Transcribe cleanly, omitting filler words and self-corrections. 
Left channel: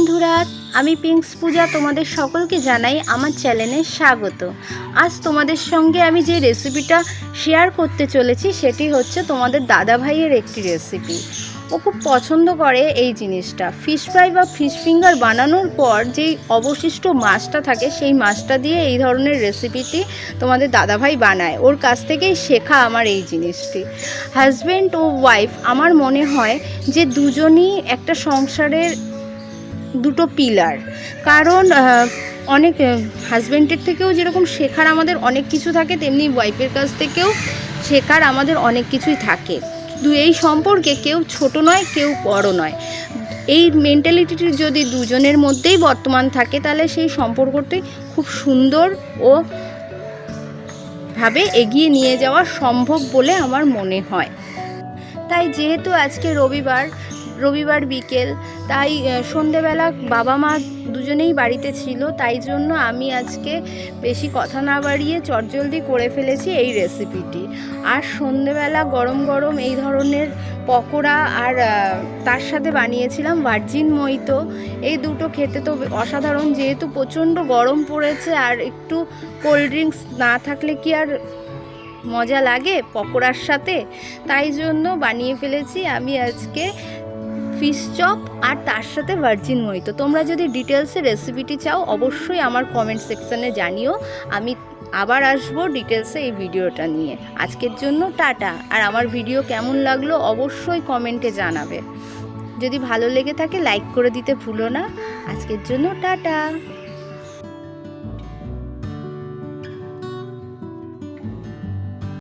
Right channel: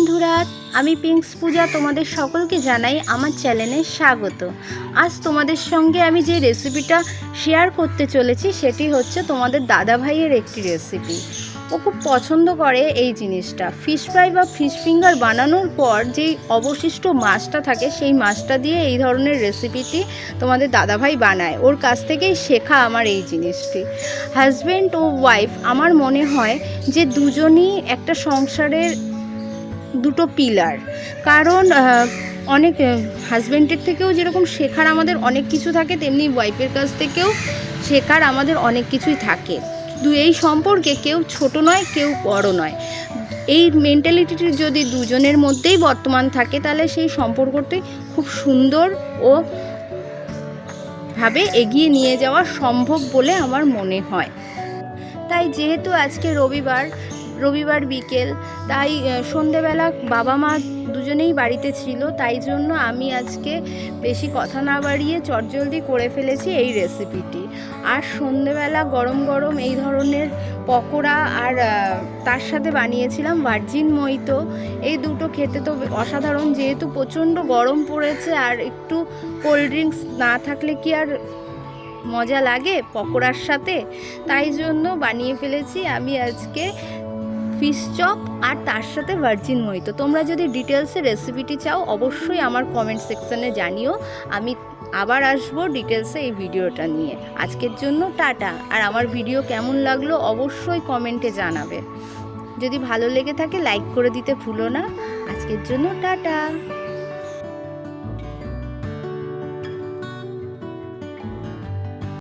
বন্ধুরা, আমি পিঙ্কস পূজা তোমাদের সকলকে জানাই আমার চ্যানেলে স্বাগত। আজ তোমাদের সঙ্গে আমি যে রেসিপিটা শেয়ার করতে চলেছি সেটি হচ্ছে তোমাদের দাদা ভাইয়ের একটি রেসিপি। ও খুব পছন্দ করে এই জিনিসটা। ফিশ ফ্রাই বা ফিশ ফিঙ্গার বানানোর পর যেই অবশিষ্ট মাছটা থাকে সেই মাছটা দিয়ে এই ধরনের রেসিপিটি তোমাদের দাদাভাই বানায়। ওর কাছ থেকেই শেখা আমার এই জিনিসটি। হাজব্যান্ড ও ওয়াইফ আমার মনে হয় যে দুজনই একটা সংসারের দুটো পিলার। কারণ অনেক হাজব্যান্ডের থেকেও যেরকম শেখার আমাদের অনেক কিছু থাকে, তেমনি ওয়াইফের কাছ থেকেও শেখার আমাদের অনেক কিছুই থাকে। এই সম্পর্কে কেউ ছোট নয়, কেউ বড় নয়। এই মেন্টালিটিটি যদি দুজনের মধ্যেই বর্তমান থাকে তাহলে সেই সম্পর্কটি খুব সুন্দর ও ভাবে এগিয়ে নিয়ে যাওয়া সম্ভব বলে আমার মনে হয়। তাই যেহেতু আজকে রবিবার বিকেল, তাই সন্ধেবেলা বাবা মা দুজনেই বাড়িতে ছিল, তাই জন্য আমি আজকে বেশি কথা না বাড়িয়ে চটজলদি করে ফেলেছি এই রেসিপিটি। আর সন্ধেবেলা গরম গরম এই ধরনের পকোড়া আর তার সাথে বানিয়েছিলাম ভার্জিন মোহিতো। এই দুটো খেতে তো অসাধারণ, যেহেতু প্রচণ্ড গরম পড়েছে আর একটু কোল্ড ড্রিঙ্কস না থাকলে কি আর মজা লাগে পকোড়ার সাথে, তাই জন্য বানিয়ে ফেলেছি আমি আজকে ফিশ চপ আর তার সাথে ভার্জিন মোহিতো। তোমরা যদি ডিটেলসে রেসিপিটি চাও অবশ্যই আমার কমেন্ট সেকশনে জানিও, আমি আবার আসবো ডিটেলসে এই ভিডিওটা নিয়ে। আজকের জন্য টাটা। আর আমার ভিডিও কেমন লাগলো অবশ্যই কমেন্টে জানাবে। যদি ভালো লেগে থাকে লাইক করে দিতে ভুলো না। আজকের জন্য টাটা।